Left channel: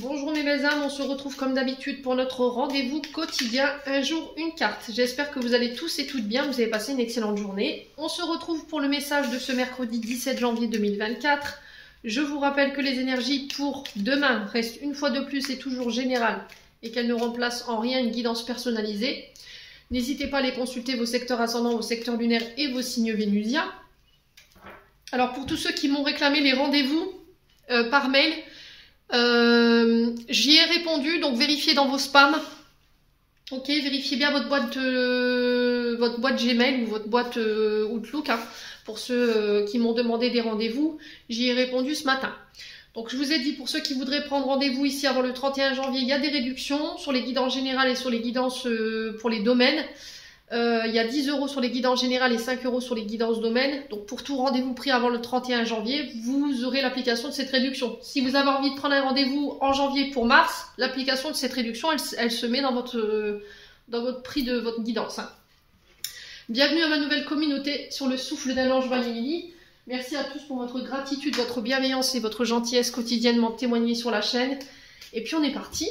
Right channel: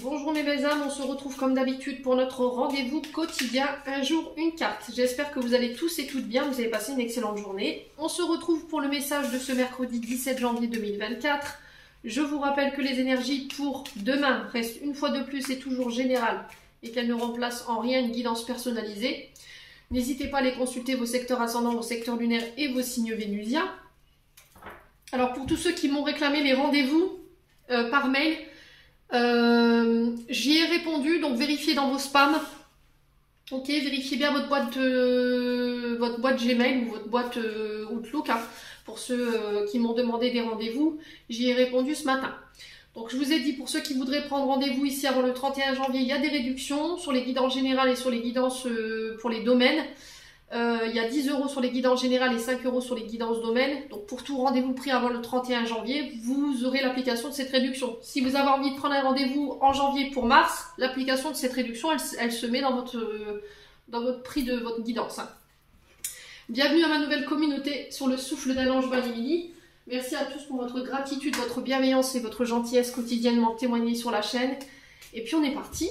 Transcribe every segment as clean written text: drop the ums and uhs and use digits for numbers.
Bonjour mes belles âmes, on se retrouve comme d'habitude pour notre rendez-vous quotidien, un jour une carte. J'espère que vous allez tous et toutes bien, vous avez passé une excellente journée. On se retrouve pour le message de ce mercredi 17 janvier 2024. Je vous rappelle que les énergies pour demain restent une fois de plus et toujours générales et qu'elles ne remplacent en rien une guidance personnalisée. N'hésitez pas à aller consulter vos secteurs ascendants, vos secteurs lunaires et vos signes vénusiens. Alors pour tous ceux qui m'ont réclamé les rendez-vous par mail, j'y ai répondu, donc vérifiez dans vos spams. Ok, vérifiez bien votre boîte Gmail ou votre boîte Outlook, hein, pour ceux qui m'ont demandé des rendez-vous. J'y ai répondu ce matin. Donc je vous ai dit, pour ceux qui voudraient prendre rendez-vous ici avant le 31 janvier, il y a des réductions sur les guidances générales et sur les guidances pour les domaines. Il y a 10 € sur les guidances générales et 5 € sur les guidances domaines. Donc pour tout rendez-vous pris avant le 31 janvier, vous aurez l'application de cette réduction. Si vous avez envie de prendre un rendez-vous en janvier pour mars, l'application de cette réduction, elle se met dans votre prix de votre guidance, hein. Bienvenue à ma nouvelle communauté sur le souffle d'un ange Vanilly. Merci à tous pour votre gratitude, votre bienveillance et votre gentillesse quotidiennement témoignée sur la chaîne. Et puis on est parti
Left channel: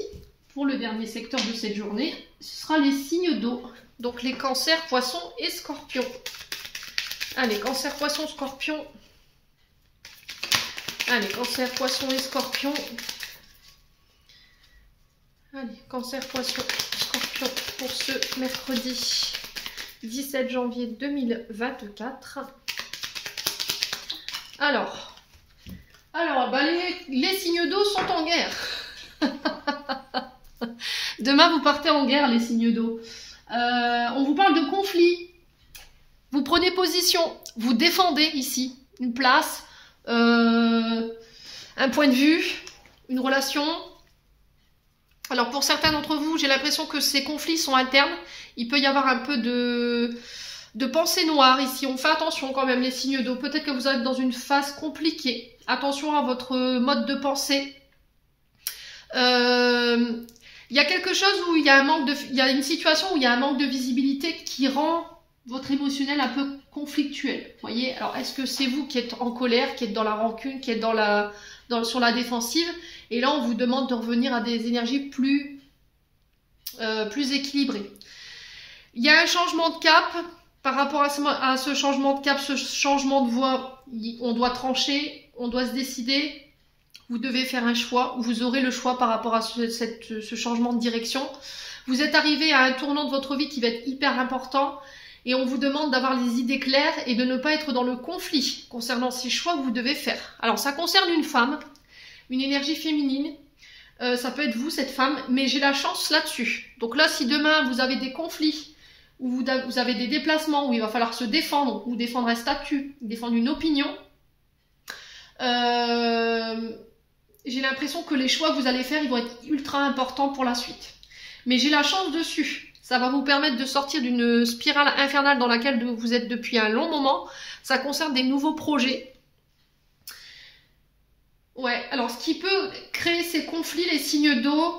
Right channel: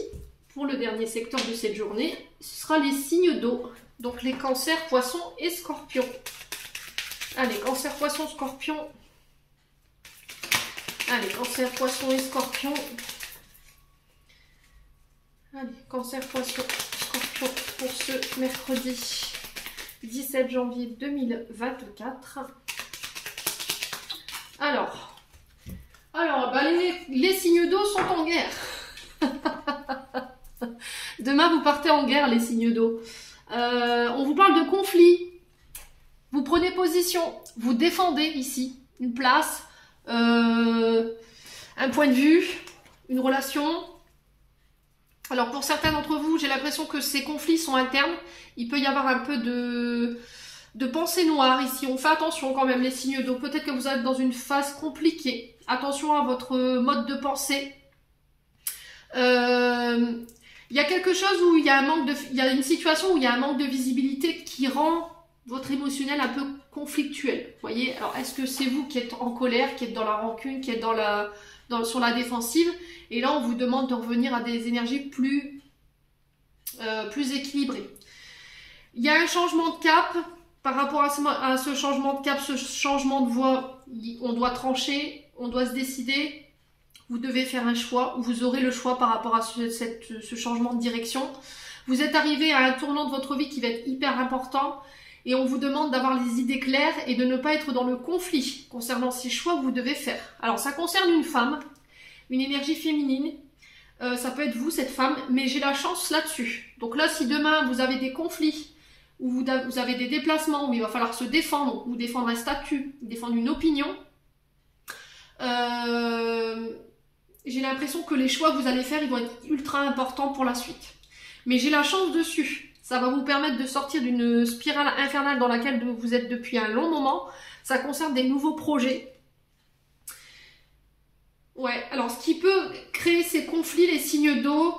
pour le dernier secteur de cette journée. Ce sera les signes d'eau. Donc les cancers, poissons et scorpions. Allez, cancer, poissons, scorpions. Allez, cancer, poissons et scorpions. Allez, cancer, poissons, scorpions pour ce mercredi 17 janvier 2024. Alors bah les signes d'eau sont en guerre. Demain, vous partez en guerre, les signes d'eau. On vous parle de conflit. Vous prenez position, vous défendez ici une place, un point de vue, une relation. Alors pour certains d'entre vous, j'ai l'impression que ces conflits sont internes. Il peut y avoir un peu de pensée noire ici. On fait attention quand même, les signes d'eau. Peut-être que vous êtes dans une phase compliquée. Attention à votre mode de pensée. Il y a quelque chose où il y a une situation où il y a un manque de visibilité qui rend votre émotionnel un peu conflictuel. Voyez, alors est-ce que c'est vous qui êtes en colère, qui êtes dans la rancune, qui êtes sur la défensive, et là on vous demande de revenir à des énergies plus équilibrées. Il y a un changement de cap par rapport à ce changement de cap, ce changement de voie. On doit trancher, on doit se décider. Vous devez faire un choix, vous aurez le choix par rapport à ce changement de direction. Vous êtes arrivé à un tournant de votre vie qui va être hyper important et on vous demande d'avoir les idées claires et de ne pas être dans le conflit concernant ces choix que vous devez faire. Alors ça concerne une femme, une énergie féminine, ça peut être vous cette femme, mais j'ai la chance là-dessus. Donc là, si demain vous avez des conflits, ou vous avez des déplacements où il va falloir se défendre, ou défendre un statut, défendre une opinion, j'ai l'impression que les choix que vous allez faire, ils vont être ultra importants pour la suite. Mais j'ai la chance dessus. Ça va vous permettre de sortir d'une spirale infernale dans laquelle vous êtes depuis un long moment. Ça concerne des nouveaux projets. Ouais, alors ce qui peut créer ces conflits, les signes d'eau,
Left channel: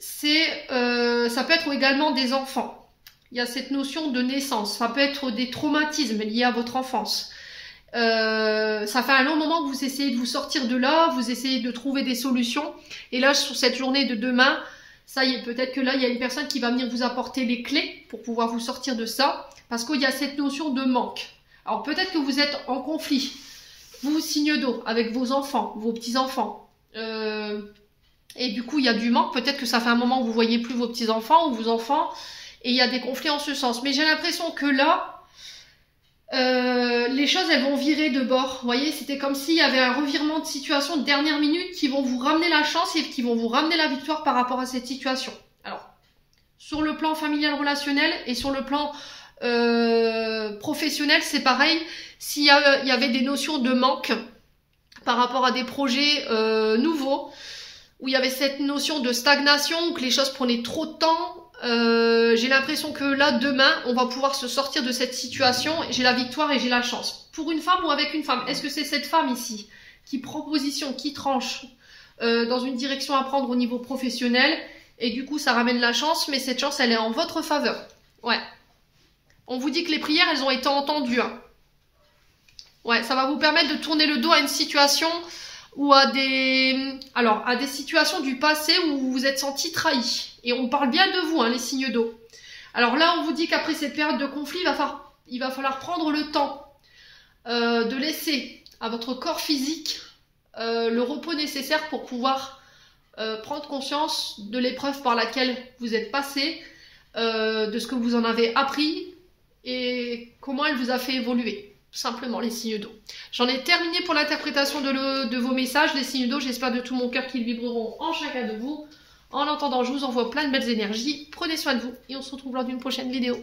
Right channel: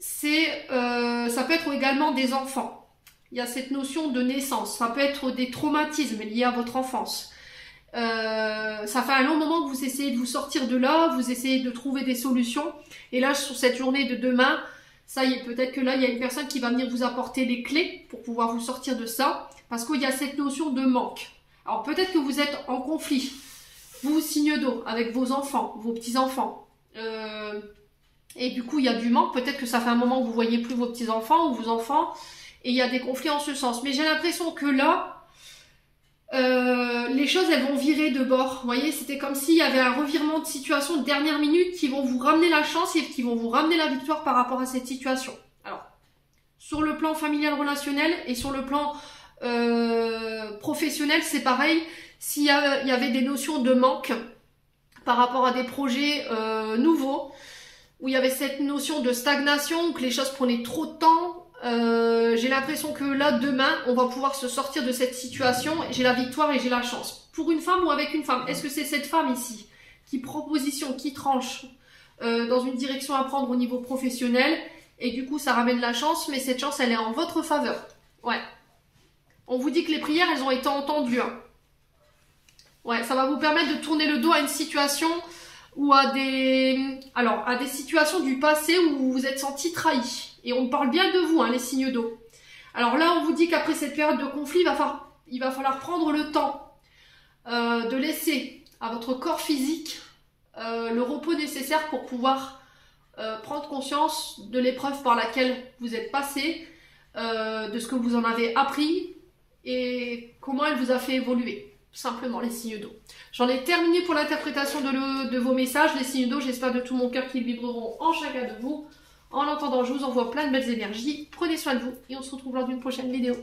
ça peut être également des enfants. Il y a cette notion de naissance. Ça peut être des traumatismes liés à votre enfance. Ça fait un long moment que vous essayez de vous sortir de là, vous essayez de trouver des solutions, et là sur cette journée de demain, ça y est, peut-être que là il y a une personne qui va venir vous apporter les clés pour pouvoir vous sortir de ça, parce qu'il y a cette notion de manque. Alors peut-être que vous êtes en conflit, vous signe d'eau, avec vos enfants, vos petits-enfants, et du coup il y a du manque, peut-être que ça fait un moment que vous voyez plus vos petits-enfants ou vos enfants, et il y a des conflits en ce sens, mais j'ai l'impression que là, les choses elles vont virer de bord. Vous voyez, c'était comme s'il y avait un revirement de situation de dernière minute qui vont vous ramener la chance et qui vont vous ramener la victoire par rapport à cette situation. Alors, sur le plan familial relationnel et sur le plan professionnel, c'est pareil. S'il y avait des notions de manque par rapport à des projets nouveaux, où il y avait cette notion de stagnation, où que les choses prenaient trop de temps, j'ai l'impression que là, demain, on va pouvoir se sortir de cette situation. J'ai la victoire et j'ai la chance. Pour une femme ou avec une femme, est-ce que c'est cette femme ici qui prend position, qui tranche dans une direction à prendre au niveau professionnel, et du coup, ça ramène la chance, mais cette chance, elle est en votre faveur. Ouais. On vous dit que les prières, elles ont été entendues, hein. Ouais, ça va vous permettre de tourner le dos à une situation ou à des situations du passé où vous vous êtes senti trahi. Et on parle bien de vous, hein, les signes d'eau. Alors là, on vous dit qu'après cette période de conflit, il va falloir prendre le temps de laisser à votre corps physique le repos nécessaire pour pouvoir prendre conscience de l'épreuve par laquelle vous êtes passé, de ce que vous en avez appris et comment elle vous a fait évoluer. Tout simplement, les signes d'eau. J'en ai terminé pour l'interprétation de vos messages, les signes d'eau. J'espère de tout mon cœur qu'ils vibreront en chacun de vous. En attendant, je vous envoie plein de belles énergies. Prenez soin de vous et on se retrouve lors d'une prochaine vidéo.